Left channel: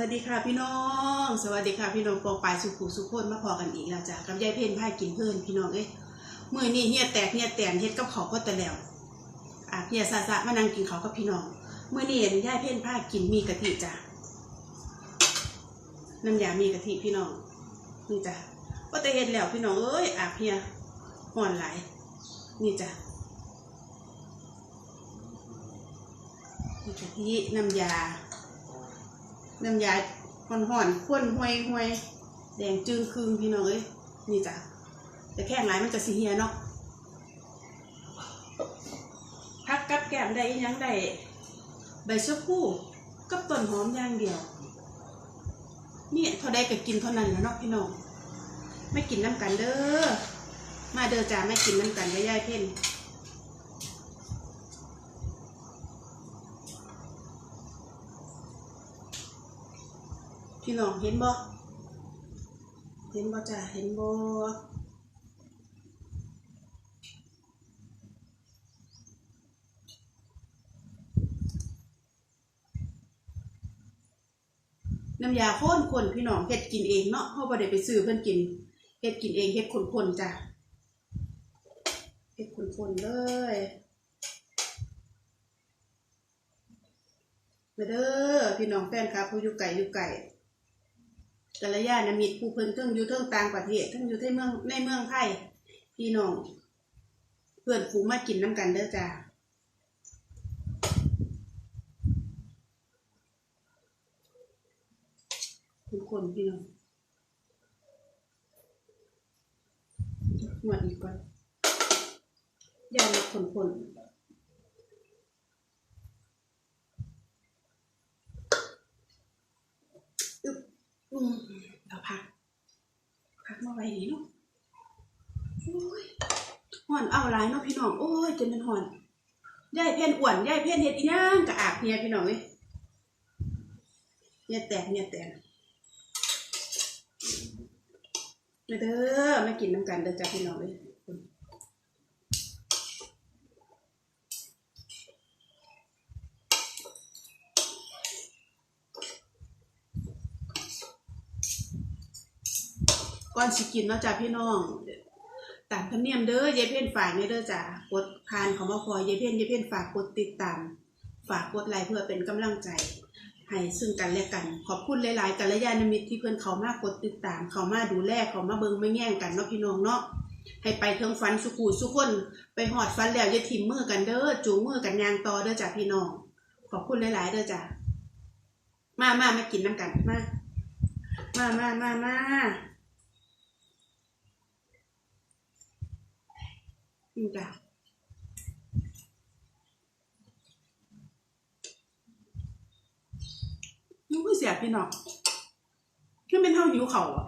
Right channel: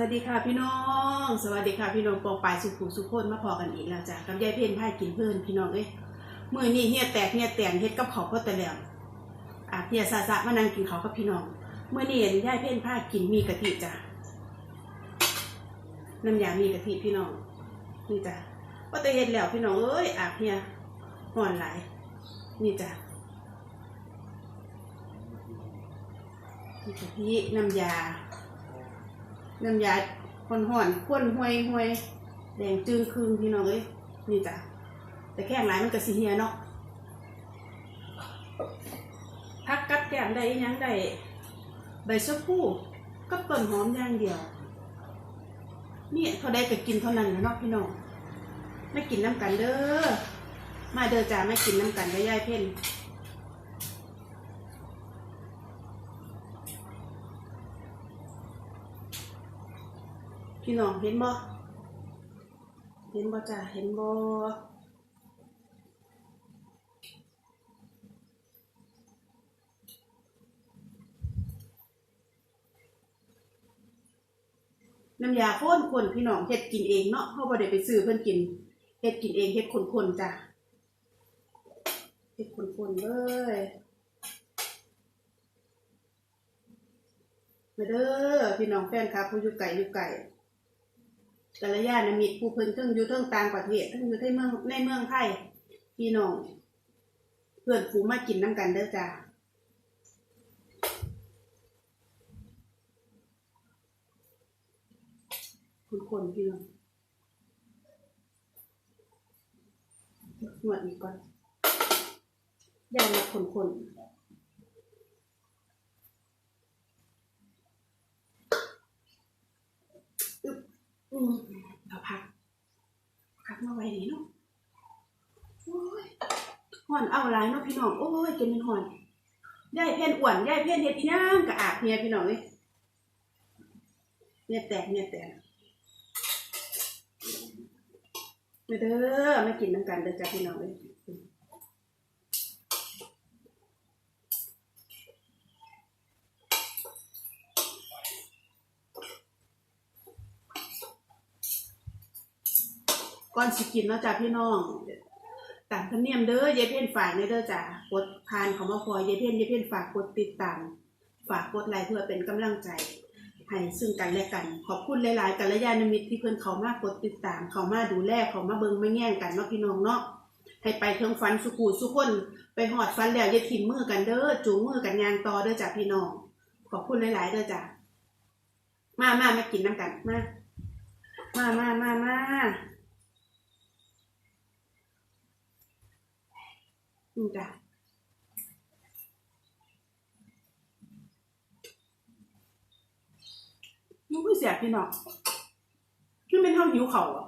วัสดีค่ะพี่น้อง สวัสดีค่ะพี่น้องปองปลายสุขุสุขคนมาพอกันอีกแล้วจ้ะกับยายเพ่นพายกินเพื่อนพี่น้องเอ้ยมื่อนี้เฮียแตกเฮียแตนเฮ็ดกับเขาก็ต่แล้วอาเฮียซาซามานั่งกินเขาวกับพี่น้องเมื่อนี้เห็นยายเพ่นพายกินมีกะทิจ้ะน้ำยามีกะทิพี่น้องนี่จ้ะก็แต่เฮ็ดแล้วพี่น้องเอ้ยอาเฮียห่อนหลายนี่จ้ะมีกะทิน้ำยา น้ำยาห่อนห่อนๆข้นห่วยห่วยแดงจึงคืงพี่น้องเอ้ยนี่จ้ะแต่แข้งหลายมันจะสีเฮียเนาะพักกับแก้มได้ยังได้ใบชะพูกับต้นหอมอย่างเดียวนี่เท่าใดก็กินเท่านั้นแล้วเนาะพี่น้องไม่กินน้ำกันเด้อมาเด้อจ้าไม่กินน้ำกันกับยายเพ่น พี่น้องเห็นบ่เห็นบ่จ้าเห็นบ่น้ำยาข้นคนพี่น้องเฮ็ดกินเองเนาะเพราบ่ได้ไปซื้อเพิ่นกินเฮ็ดกินเองเฮ็ดคนๆจ้ะเฮ็ดคนๆเลยมาเด้อพี่น้องแฟนคลับผู้อยู่ไกลอยู่ไกล กัลยาณมิตรผู้เพิ่นทั้งอยู่ทั้งต่างประเทศทั้งอยู่ในเมืองในเมืองไทยพี่น้องเพื่อนฝูงมากินน้ำกันเด้อจ้าคนคนๆพี่น้องนวดอีกก่อนย่างคนคนๆอืมเอาพักพักมาไว้นี่เนาะโอ้ยห่อนเอาหลายเนาะพี่น้อง โอ้ยจนเป็นห่อนยายเพ่นอ้วนยายเพ่นเฮ็ดอีนางกะอาบเนี่ยพี่น้องเอ้ยเนี่ยแตกเนี่ยแตกมาเด้อมากินน้ำกันเด้อจ้าพี่น้องเอ้ย ก่อนสิกินเนาะจ้าพี่น้องตามธรรมเนียมเด้อยายเพ่นฝากเนี่ยเด้อจ้ากดผ่านเขามาพอยายเพ่นยายเพ่นฝากกดติดตาม ฝากกดไลค์เพื่อเป็นกำลังใจให้ซึ่งกันและกัน ขอบคุณหลายๆกัลยาณมิตรที่เพิ่อนเขามากดติดตาม เขามาดูแลเขามาเบิงไม่แย่งกันเนาะพี่น้องเนาะให้ไปเทิงฟันสุขูสุคนไปหอดฟันแล้วอย่าทิ่มมือกันเด้อจูงมือกันยางต่อเด้อจ้ะพี่น้อง ขอบคุณหลาย ๆ เด้อจ้ะมามามากินน้ำกันมามามามามาอืม จ้ะนุ่คือเสียพี่น้องคือเป็นเท่าหิวเขาอะ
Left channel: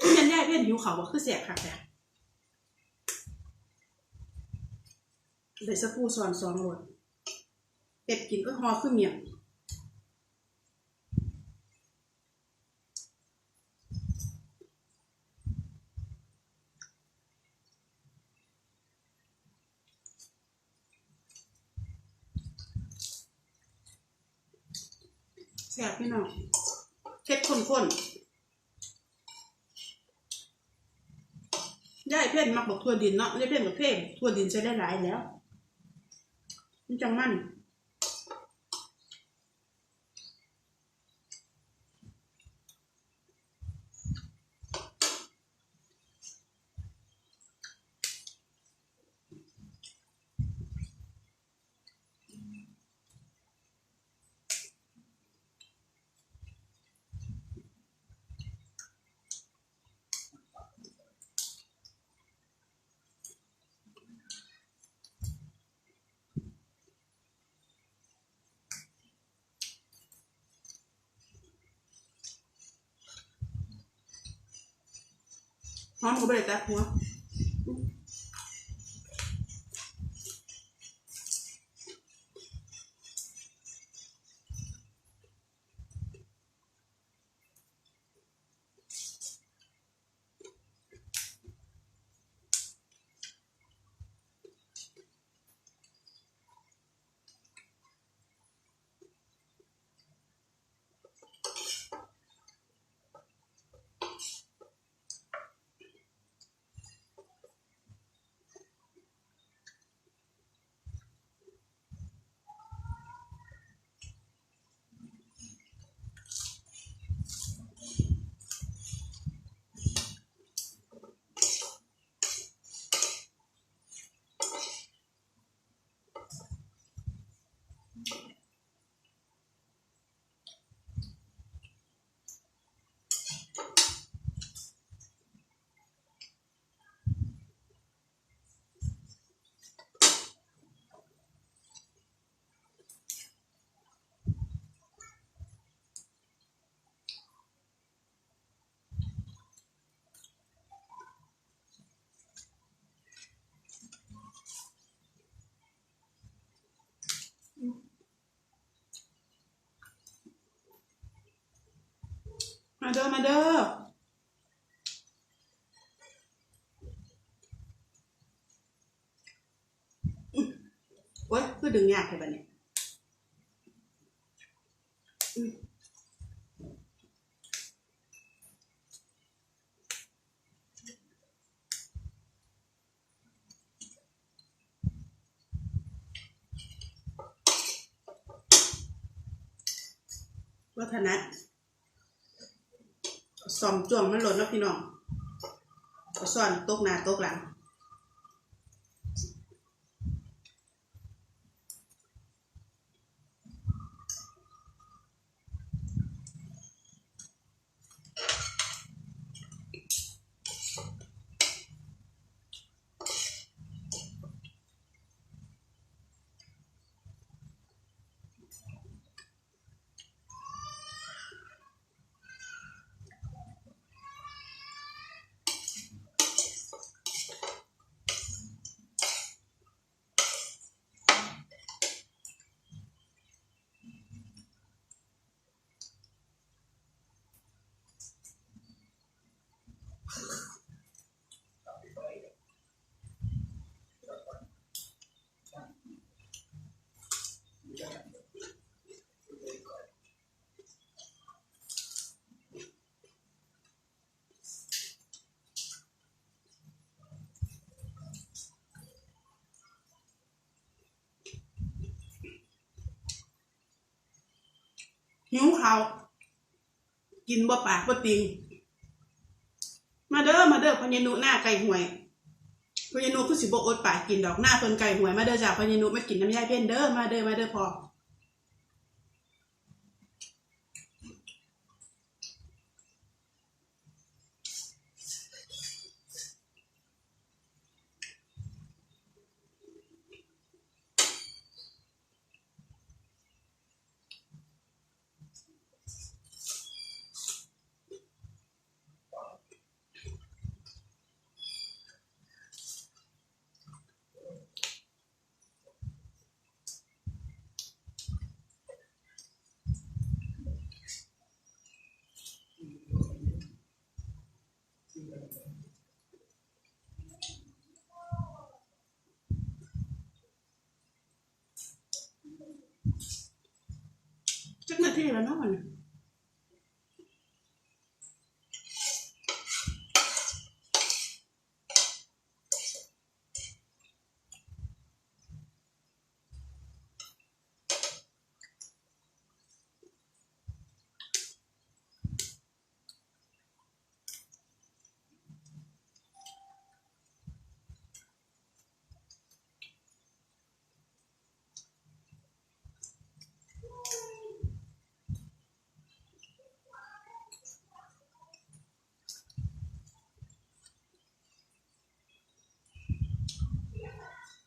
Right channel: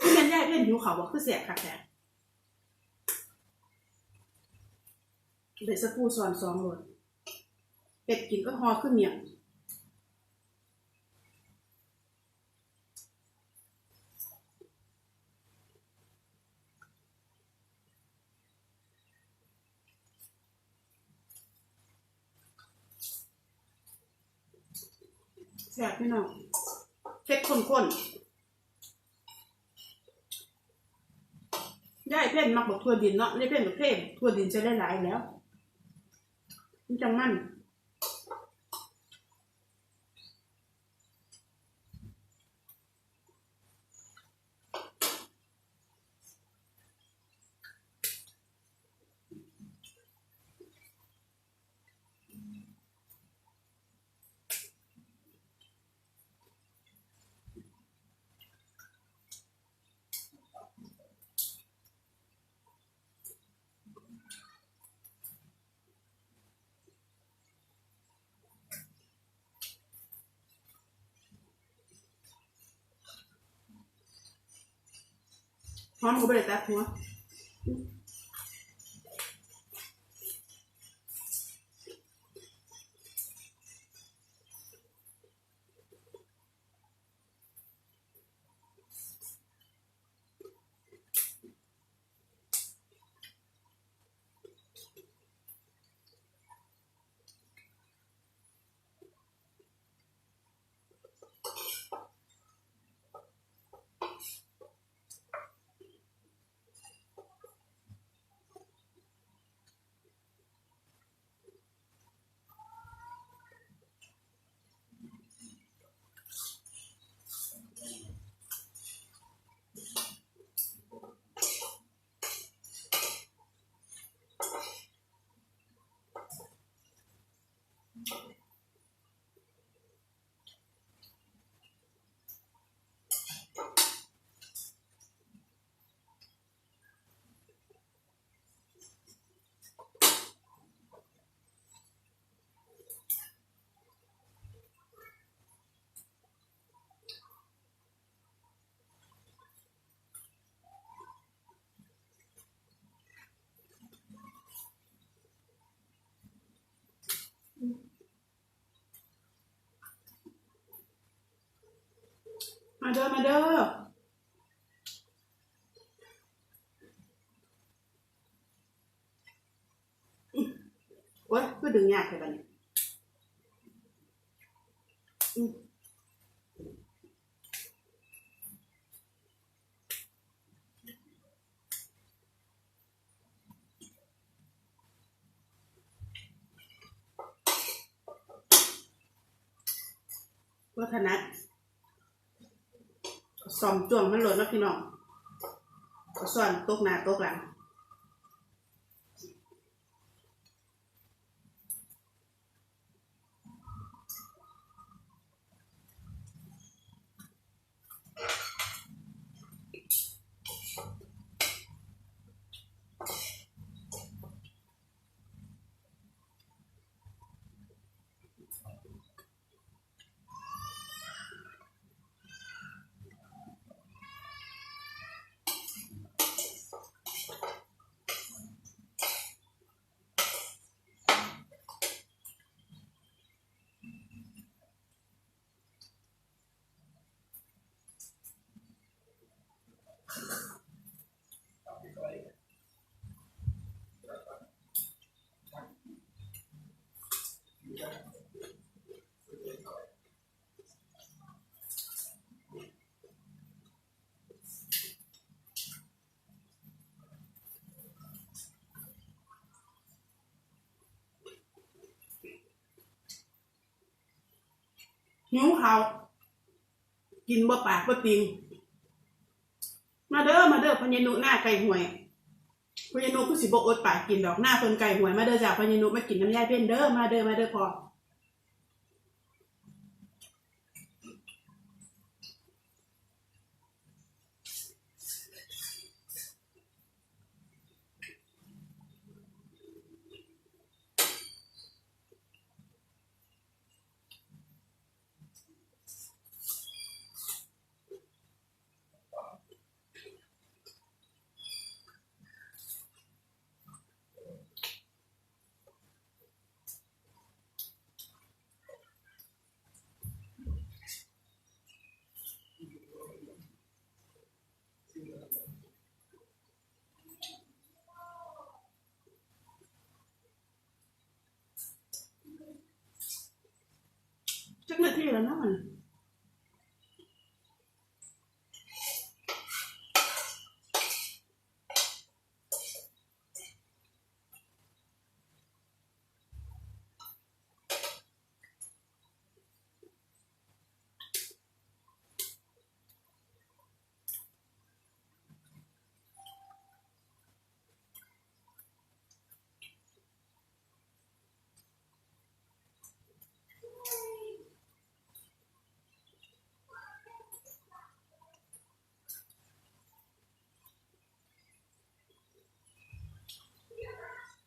คือเป็นแย่เพื่อนหิวเขาวอะคือเสียคักแต่เลยสักปูซอนสองรสเป็ดกินก็ฮอขึ้นเมียงแซ่บพี่น้องเผ็ดข้นๆย่ายเพ่นมักบอกทั่วดินเนาะย่ายเพ่นกับเพ่นทั่วดินใช้ได้หลายแล้ว มันจังมั่น พร้อมก็ไม่ได้ตัดหัว มาเด้อมาเด้อโอ๊ยคือดึงยากเลยบัดนี้อืมวัฒนัด สอมจ่วงมันหล่นนะพี่น้องเอาซ่อนตกหน้าตกหลัง หิวเขากินบ่ปากบ่ติง มาเด้อมาเด้อพญานุหน้าไก่ห่วยพญานุคือสิบ่อดปากกินดอกหน้าเพิ่นไก่ห่วยมาเด้อจ้าพญานุมากินน้ำยาเพ่นเด้อมาเด้อมาเด้อพอ จักน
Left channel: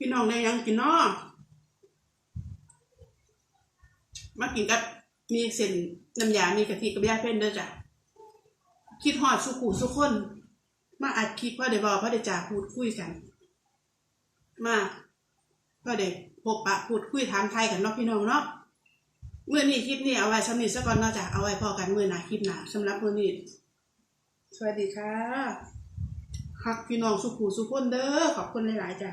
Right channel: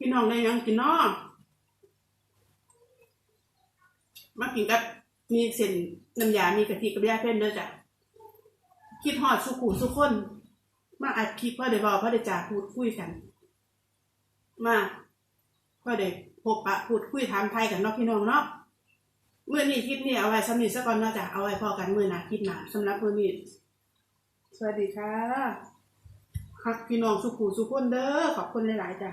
พี่น้องได้ยังกินนาะมากินกับมีเส้นน้ำยา มีกะทิกับยาเพ่นเด้อจ้ะคิดฮอดสุขูสุขคน มาอัดคลิปพ่อเดียวบอพ่อเดจ่าพูดคุยกัน มาพ่อเดียวพบปะพูดคุยถามไทยกันเนาะพี่น้องเนาะเมื่อนี้คลิปนี้เอาไว้สำนีซะก่อนเนาะจ้ะเอาไว้พอกันมื่อหนาคลิปหนาสำหรับมื่อนี้สวัสดีค่ะฮักพี่น้องสุขูสุขคนเด้อขอบคุณหลายๆจ้ะ